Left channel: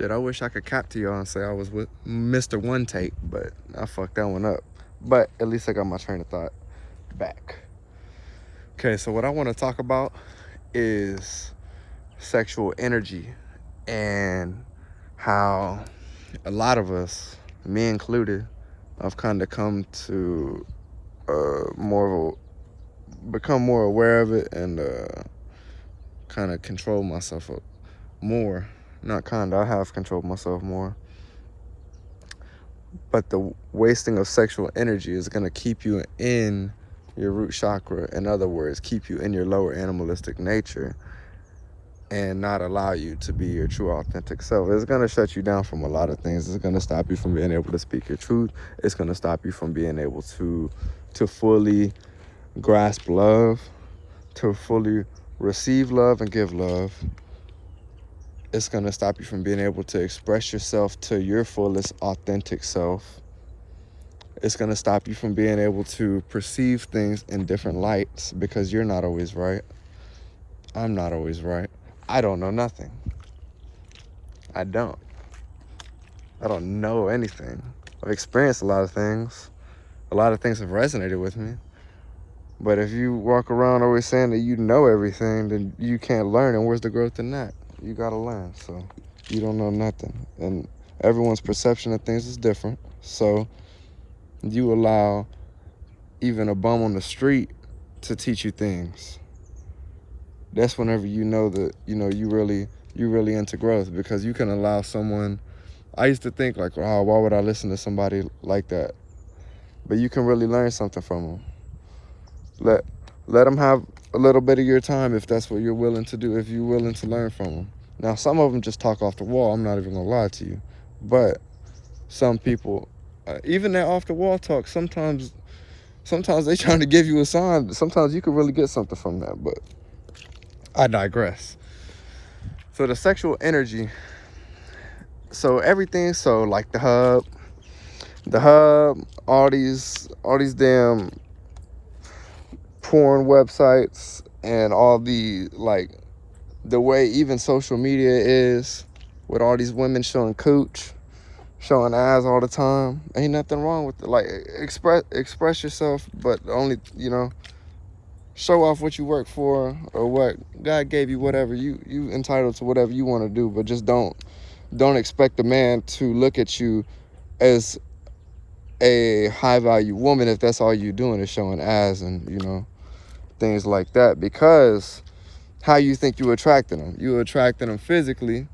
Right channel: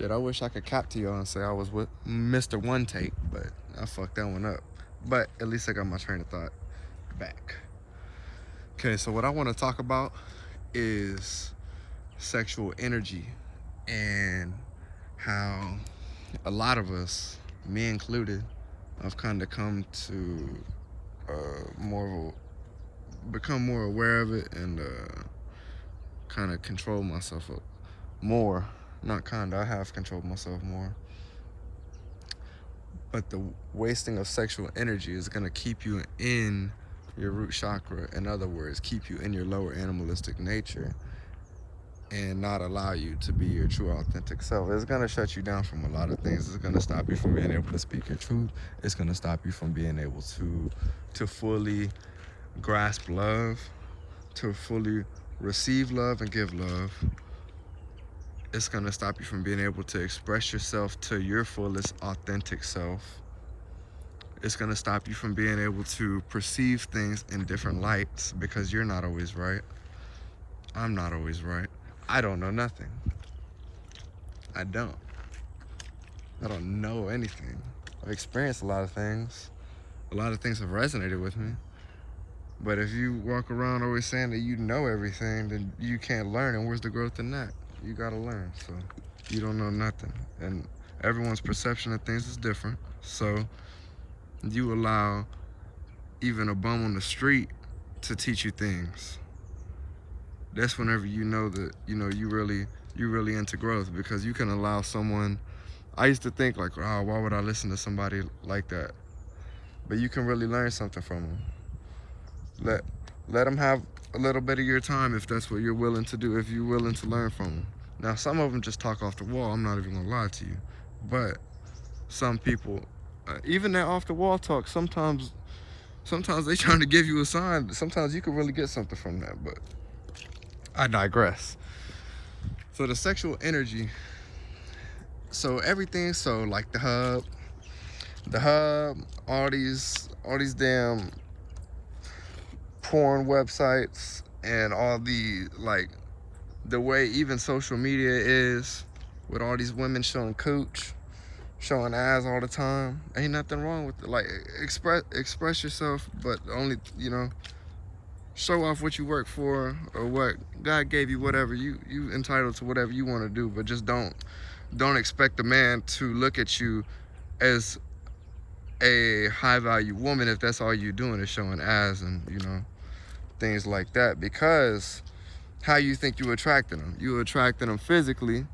Shit, I wish I could cap to y'all and say I was with Mr. One Take, but I fucked that one up. But at least I got my train of thought back. Okay, so what I want to talk about is sexual energy and how a lot of us, me included, I've kind of come to become more aware of it and kind of control myself more. Not kind of, I have controlled myself more. But the wasting of sexual energy is going to keep you in your root chakra. In other words, keep you in your lower animalistic nature and not allow you to be your true authentic self. It's going to shut you down from a lot of things. It's going to stop you from being able to speak your truth. It's going to stop you from being able to fully grasp love, to fully receive love and give love. It's going to stop you from being able to express yourself to your fullest authentic self. It's going to stop you from being able to perceive things in different lights because you're not always right. I'm not always right. I don't know nothing. I don't know anything. I've experienced a lot of things. A lot of things have resonated with me. But if you walk around always saying that you know everything, then you can't learn. And where's the growth in that? You gotta learn. So you don't know nothing. And everyone's perception of things is different. So you allow even a bum on the street to teach you things. That's whenever you know that, you really into growth, because you can allow someone. I used to think like, oh, why would I listen to somebody like that? But you can really learn something from them. Let them have a little bit of your time if that's what you're willing to do, if you're willing to learn from them. Now, some of them just talk off the wall. I'm not even gonna lie to you. But some people, even that off the wall talk, sometimes they trying to give you a sign. Sometimes you can really get something from that, but I digress. So the sexual energy, so everything, so like the hub, all these damn porn websites and all the, like, the way even social media is with all these women showing cooch, showing ass all the time. Ain't nothing wrong with it. Like, express yourself, but only, show off what you work for or what God gave you. Whatever you entitled to, whatever you want to do, but just don't expect a man to look at you as a high value woman if that's all you're doing is showing ass and things like that. Because how you think you attracting them? You attracting them physically.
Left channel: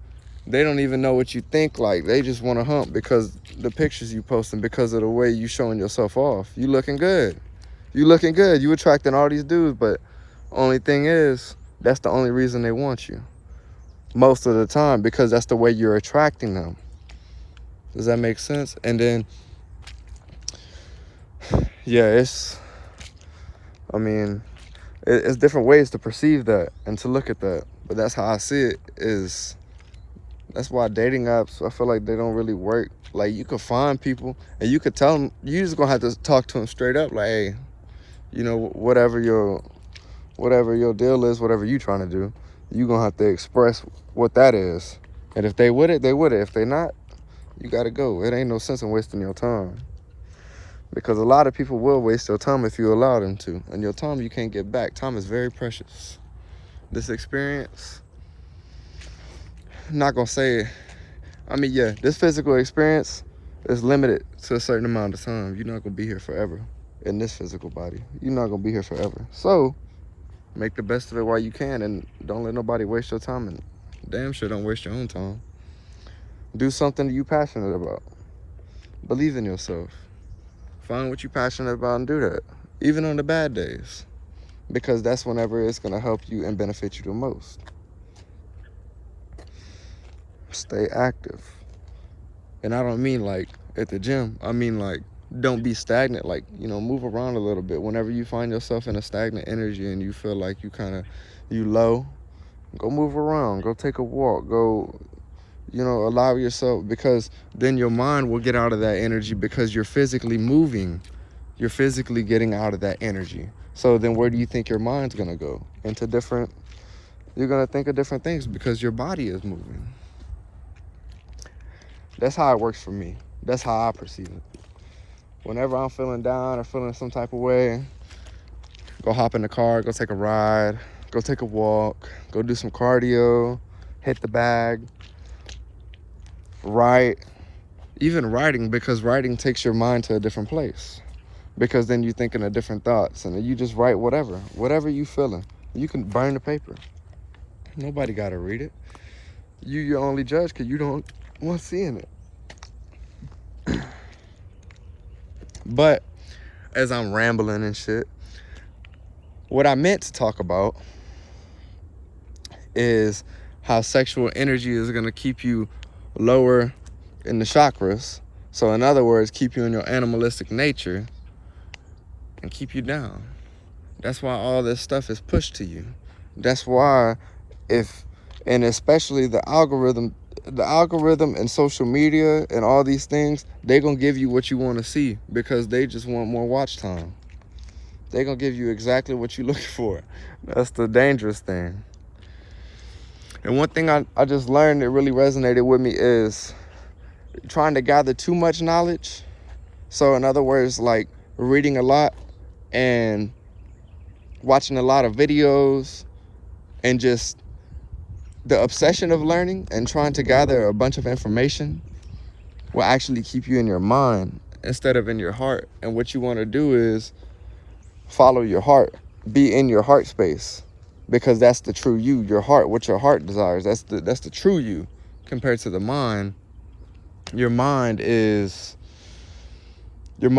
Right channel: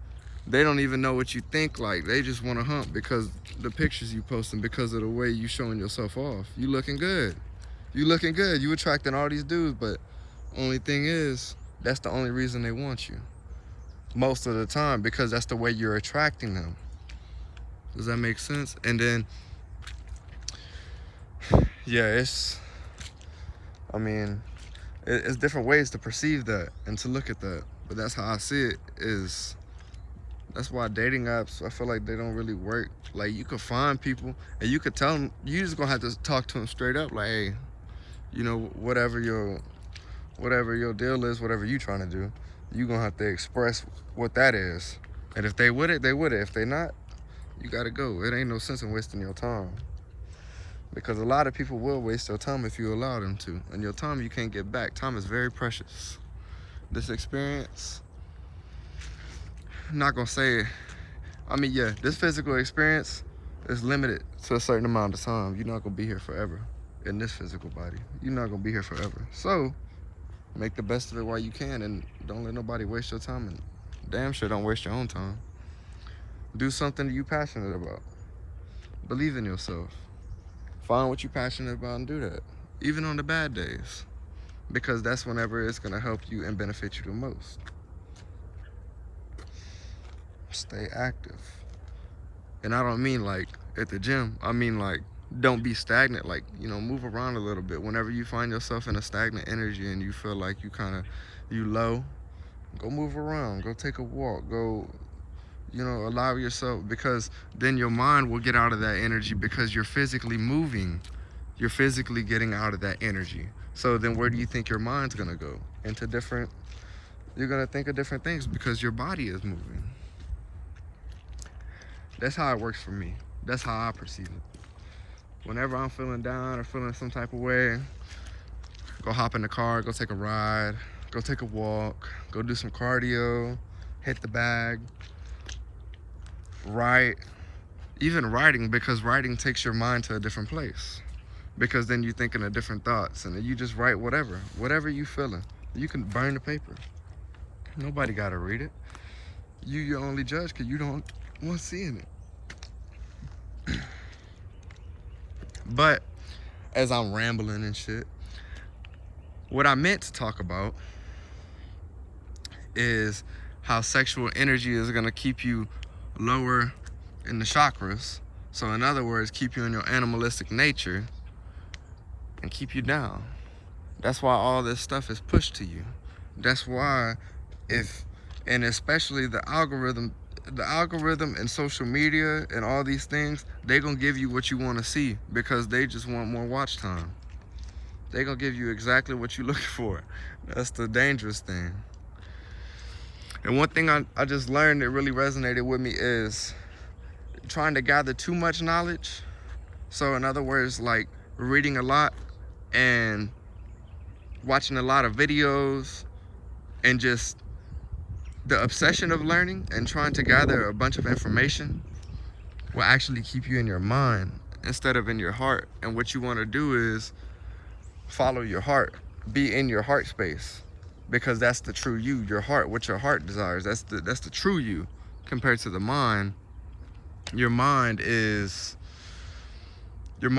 They don't even know what you think like. They just want to hump because the pictures you posting, because of the way you showing yourself off. You looking good. You attracting all these dudes, but only thing is, that's the only reason they want you. Most of the time, because that's the way you're attracting them. Does that make sense? And then, yeah, it's different ways to perceive that and to look at that. But that's how I see it. That's why dating apps, I feel like they don't really work. Like, you could find people and you could tell them, you just gonna have to talk to them straight up, like, hey, whatever your deal is, whatever you trying to do, you gonna have to express what that is. And if they with it, they with it. If they not, you gotta go. It ain't no sense in wasting your time. Because a lot of people will waste your time if you allow them to. And your time you can't get back. Time is very precious. This experience, I'm not gonna say, this physical experience is limited to a certain amount of time. You're not gonna be here forever in this physical body. You're not gonna be here forever. So make the best of it while you can, and don't let nobody waste your time, and damn sure don't waste your own time. Do something that you're passionate about. Believe in yourself. Find what you're passionate about and do that, even on the bad days, because that's whenever it's gonna help you and benefit you the most. Stay active. And I don't mean like at the gym. I mean like, don't be stagnant. Like, move around a little bit. Whenever you find yourself in a stagnant energy and you feel like you low, go move around. Go take a walk. Go, allow yourself, because then your mind will get out of that energy because you're physically moving. You're physically getting out of that energy. So then where do you think your mind's going to go? You're going to think of different things because your body is moving. That's how it works for me. That's how I perceive it. Whenever I'm feeling down or feeling some type of way, go hop in the car, go take a ride, go take a walk, go do some cardio, hit the bag, write. Even writing, because writing takes your mind to a different place. Because then you're thinking of different thoughts, and you just write whatever you feeling. You can burn the paper. Nobody gotta read it. You your only judge because you don't want seeing it. But as I'm rambling and shit, what I meant to talk about is how sexual energy is gonna keep you lower in the chakras. So in other words, keep you in your animalistic nature and keep you down. That's why all this stuff is pushed to you. That's why and especially the algorithm and social media and all these things, they gonna give you what you want to see because they just want more watch time. They gonna give you exactly what you're looking for. That's the dangerous thing. And one thing I just learned that really resonated with me is trying to gather too much knowledge. So in other words, like reading a lot and watching a lot of videos and just the obsession of learning and trying to gather a bunch of information will actually keep you in your mind instead of in your heart. And what you want to do is follow your heart, be in your heart space, because that's the true you, your heart, what your heart desires. That's the true you compared to the mind. Your mind is you're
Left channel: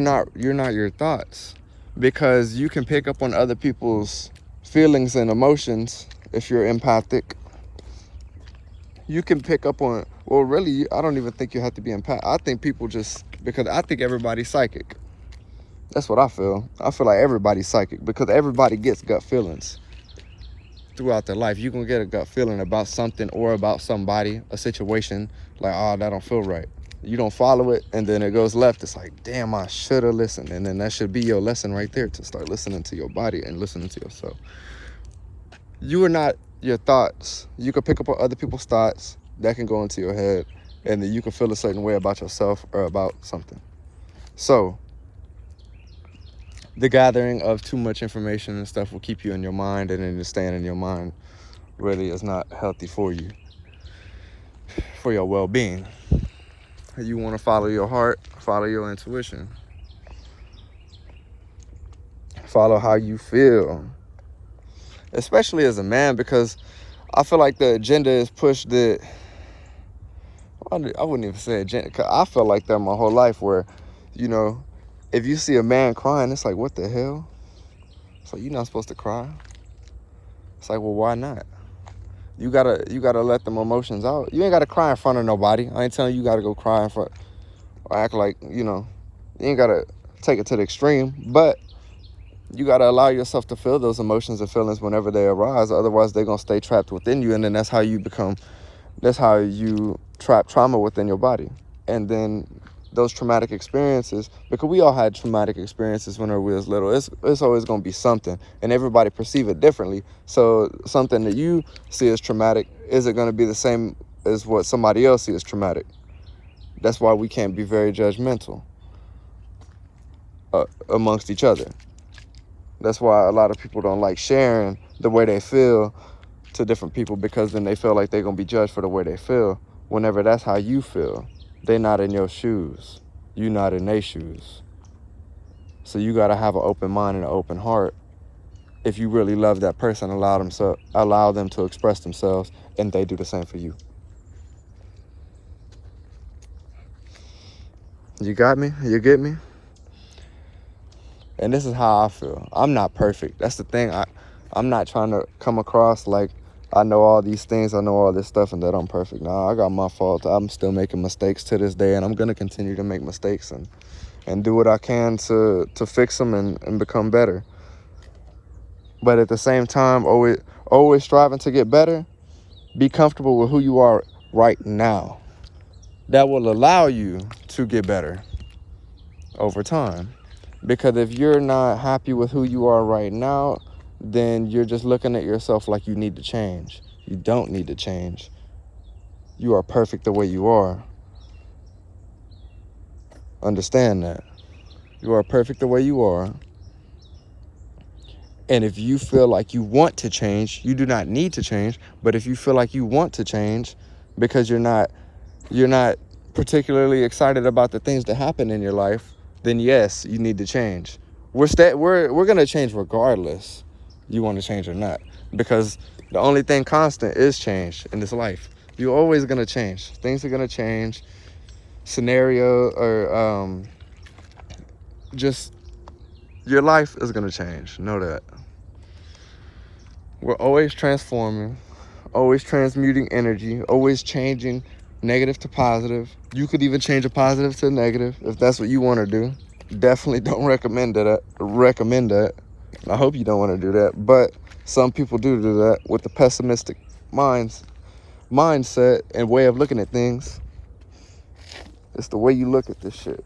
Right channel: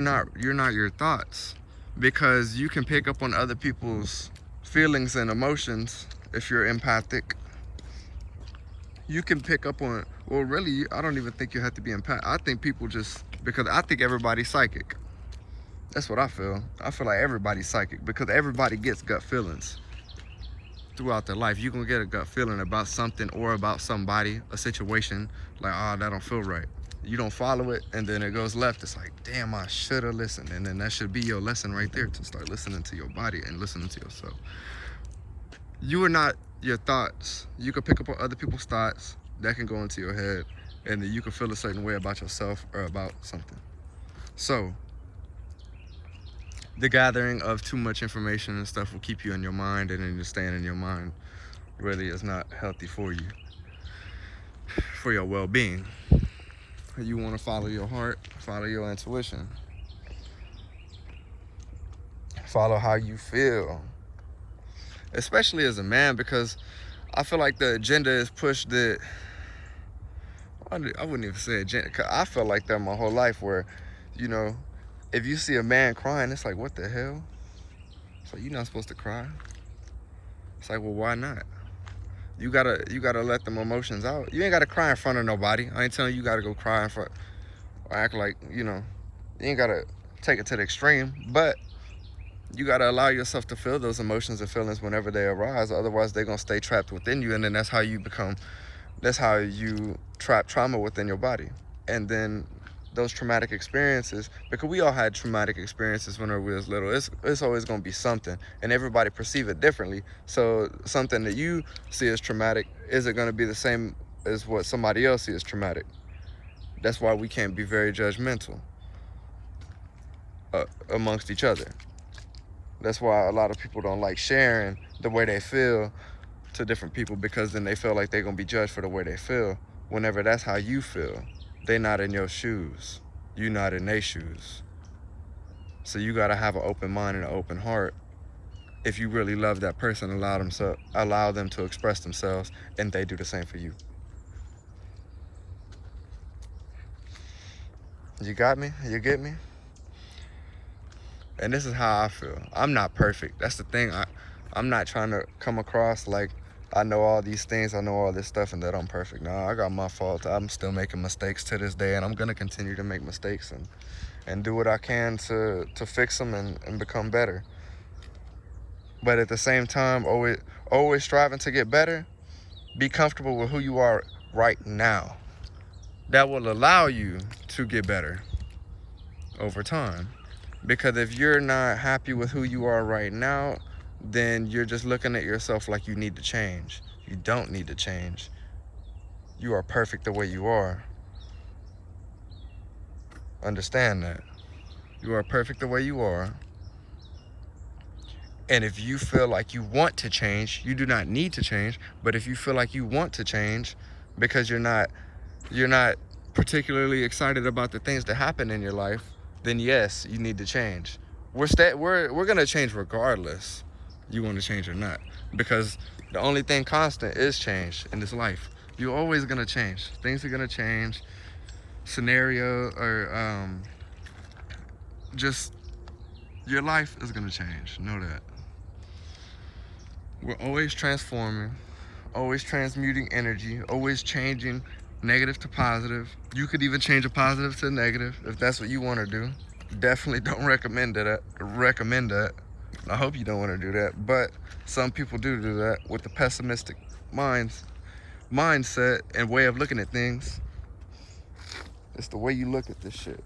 not your thoughts, because you can pick up on other people's feelings and emotions. If you're empathic, you can pick up on, well, really, I don't even think you have to be empathic. I think people just, because I think everybody's psychic. That's what I feel. I feel like everybody's psychic because everybody gets gut feelings throughout their life. You're gonna get a gut feeling about something or about somebody, a situation, like, oh, that don't feel right. You don't follow it, and then it goes left. It's like, damn, I should have listened. And then that should be your lesson right there, to start listening to your body and listening to yourself. You are not your thoughts. You can pick up on other people's thoughts that can go into your head, and then you can feel a certain way about yourself or about something. So the gathering of too much information and stuff will keep you in your mind, and then just staying in your mind really is not healthy for you, for your well-being. You want to follow your heart, follow your intuition, follow how you feel, especially as a man, because I feel like the agenda is pushed that, I wouldn't even say agenda, because I felt like that my whole life, where, you know, if you see a man crying, it's like, what the hell? It's like, you're not supposed to cry. It's like, well, why not? You gotta let them emotions out. You ain't gotta cry in front of nobody. I ain't telling you gotta go cry in front or act like, you ain't gotta take it to the extreme, but you gotta allow yourself to feel those emotions and feelings whenever they arise. Otherwise, they're gonna stay trapped within you, and then that's how you trap trauma within your body. And then those traumatic experiences, because we all had traumatic experiences whenever we was little, it's always going to be something, and everybody perceive it differently. So something that you see as traumatic isn't going to be the same as what somebody else sees as traumatic. That's why we can't be very judgmental amongst each other. That's why a lot of people don't like sharing the way they feel to different people, because then they feel like they're going to be judged for the way they feel, whenever that's how you feel. They not in your shoes. You not in their shoes. So you got to have an open mind and an open heart. If you really love that person, allow them to express themselves, and they do the same for you. You got me? You get me? And this is how I feel. I'm not perfect. That's the thing. I'm not trying to come across like I know all these things, I know all this stuff, and that I'm perfect. Nah, I got my faults. I'm still making mistakes to this day, and I'm gonna continue to make mistakes and do what I can to fix them and become better. But at the same time, always striving to get better. Be comfortable with who you are right now. That will allow you to get better over time. Because if you're not happy with who you are right now, then you're just looking at yourself like you need to change. You don't need to change. You are perfect the way you are. Understand that. You are perfect the way you are. And if you feel like you want to change, you do not need to change. But if you feel like you want to change because you're not particularly excited about the things that happen in your life, then yes, you need to change. We're gonna change regardless you want to change or not, because the only thing constant is change in this life. You're always gonna change. Things are gonna change. Scenario or just your life is gonna change. Know that. We're always transforming, always transmuting energy, always changing negative to positive. You could even change a positive to a negative if that's what you want to do. Definitely don't recommend that. I hope you don't want to do that, but some people do that with the pessimistic mindset and way of looking at things. It's the way you look at this shit.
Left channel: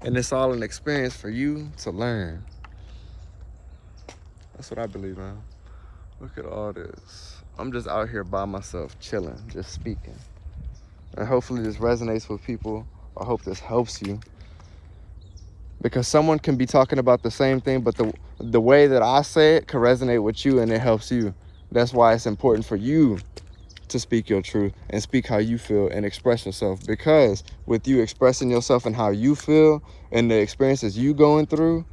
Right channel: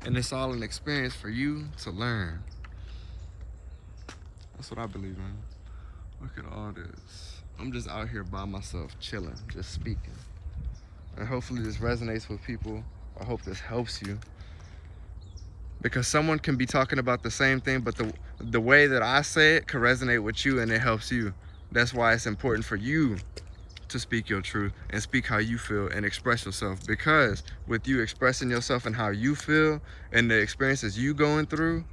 And it's all an experience for you to learn. That's what I believe, man. Look at all this. I'm just out here by myself, chilling, just speaking. And hopefully this resonates with people. I hope this helps you. Because someone can be talking about the same thing, but the way that I say it can resonate with you and it helps you. That's why it's important for you to speak your truth and speak how you feel and express yourself. Because with you expressing yourself and how you feel and the experiences you going through,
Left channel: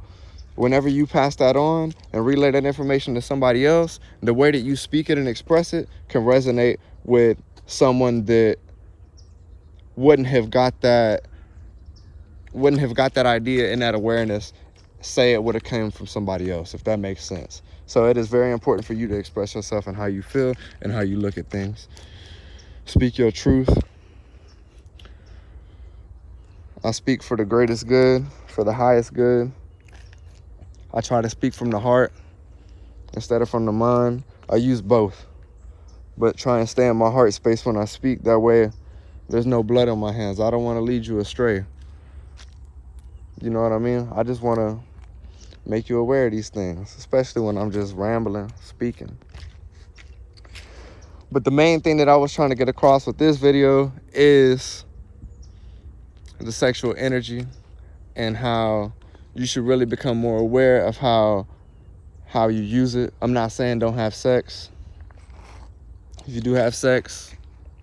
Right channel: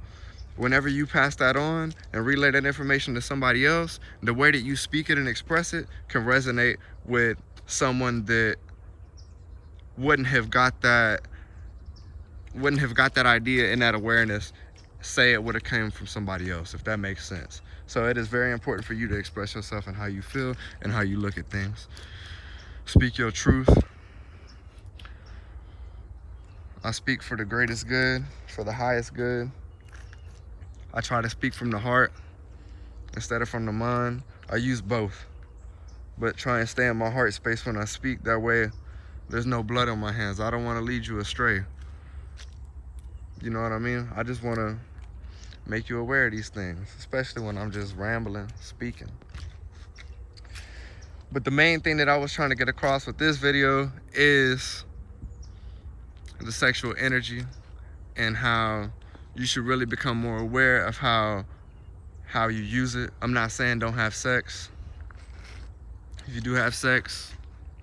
whenever you pass that on and relay that information to somebody else, the way that you speak it and express it can resonate with someone that wouldn't have got that idea and that awareness, say it would have came from somebody else, if that makes sense. So it is very important for you to express yourself and how you feel and how you look at things. Speak your truth. I speak for the greatest good, for the highest good. I try to speak from the heart instead of from the mind. I use both, but try and stay in my heart space when I speak. That way there's no blood on my hands. I don't want to lead you astray. You know what I mean? I just want to make you aware of these things, especially when I'm just rambling, speaking. But the main thing that I was trying to get across with this video is the sexual energy and how you should really become more aware of how you use it. I'm not saying don't have sex. If you do have sex,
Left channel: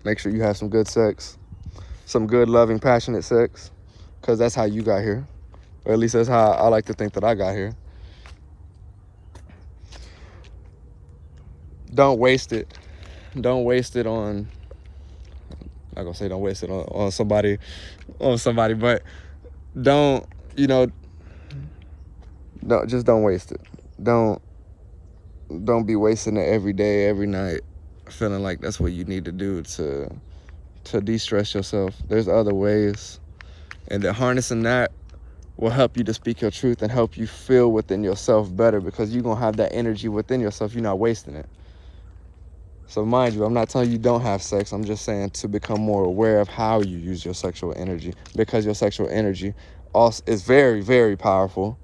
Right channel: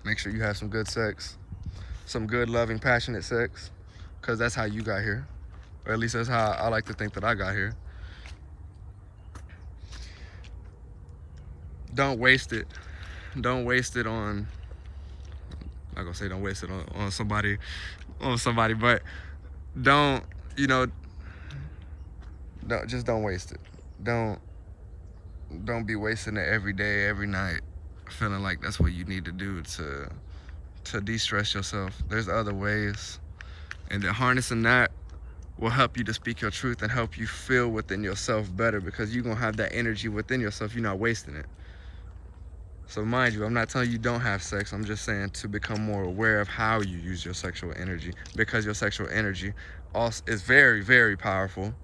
make sure you have some good sex, some good, loving, passionate sex, because that's how you got here. Or at least that's how I like to think that I got here. Don't waste it. Don't waste it on, I'm not gonna say don't waste it on somebody, but don't, just don't waste it. Don't be wasting it every day, every night, feeling like that's what you need to do to de-stress yourself. There's other ways, and that harnessing that will help you to speak your truth and help you feel within yourself better, because you're gonna have that energy within yourself. You're not wasting it. So mind you, I'm not telling you don't have sex. I'm just saying to become more aware of how you use your sexual energy, because your sexual energy also is very, very powerful.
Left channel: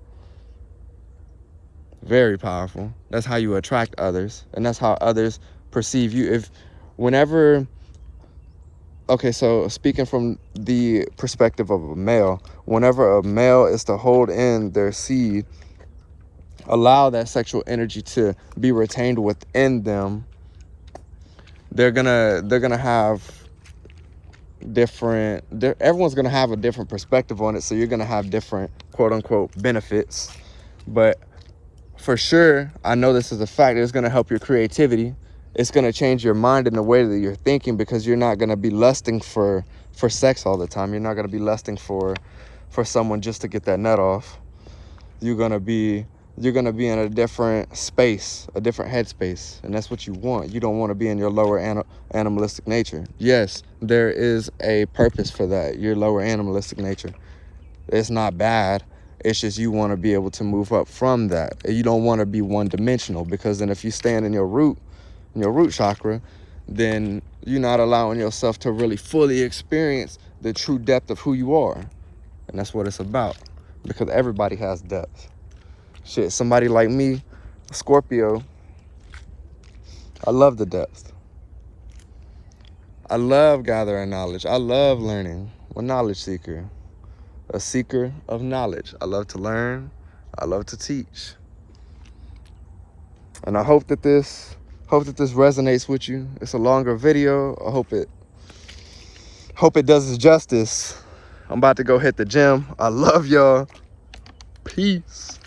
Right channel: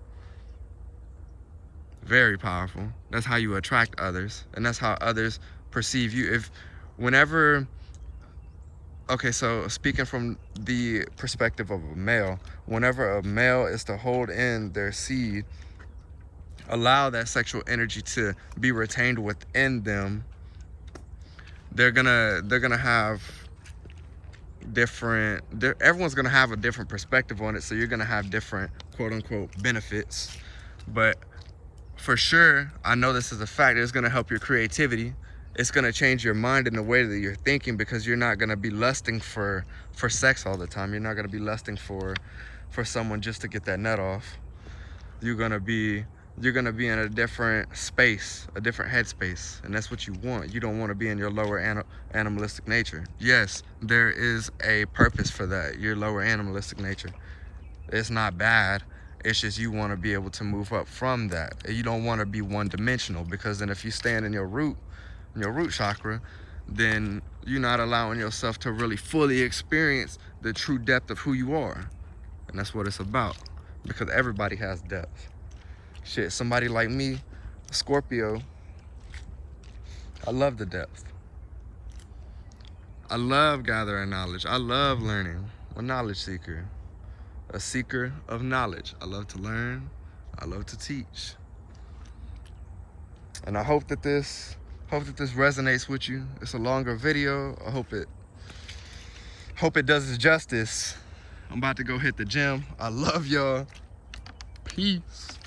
Very powerful. That's how you attract others, and that's how others perceive you. Okay, so speaking from the perspective of a male, whenever a male is to hold in their seed, allow that sexual energy to be retained within them, they're gonna have everyone's gonna have a different perspective on it. So you're gonna have different quote unquote benefits, but for sure, I know this is a fact, it's gonna help your creativity. It's gonna change your mind in the way that you're thinking, because you're not gonna be lusting for sex all the time. You're not gonna be lusting for someone just to get that nut off. You're gonna be in a different space, a different headspace, and that's what you want. You don't want to be in your lower animalistic nature. Yes, there is a purpose for that, your lower animalistic nature. It's not bad. It's just you want to be able to move up from that. You don't want to be one-dimensional, because then if you stand in your root chakra, then you're not allowing yourself to really fully experience the true depth of who you are. And that's what it's about, because everybody has depth. Shit, somebody like me, Scorpio, I love the depth. I love gathering knowledge. I love learning. I'm a knowledge seeker, a seeker of knowledge. I love to learn. I love to teach. And I hope that this resonates with you. It's a longer video. I hope it does it justice. I'm about to go hit the gym. I love y'all. Peace.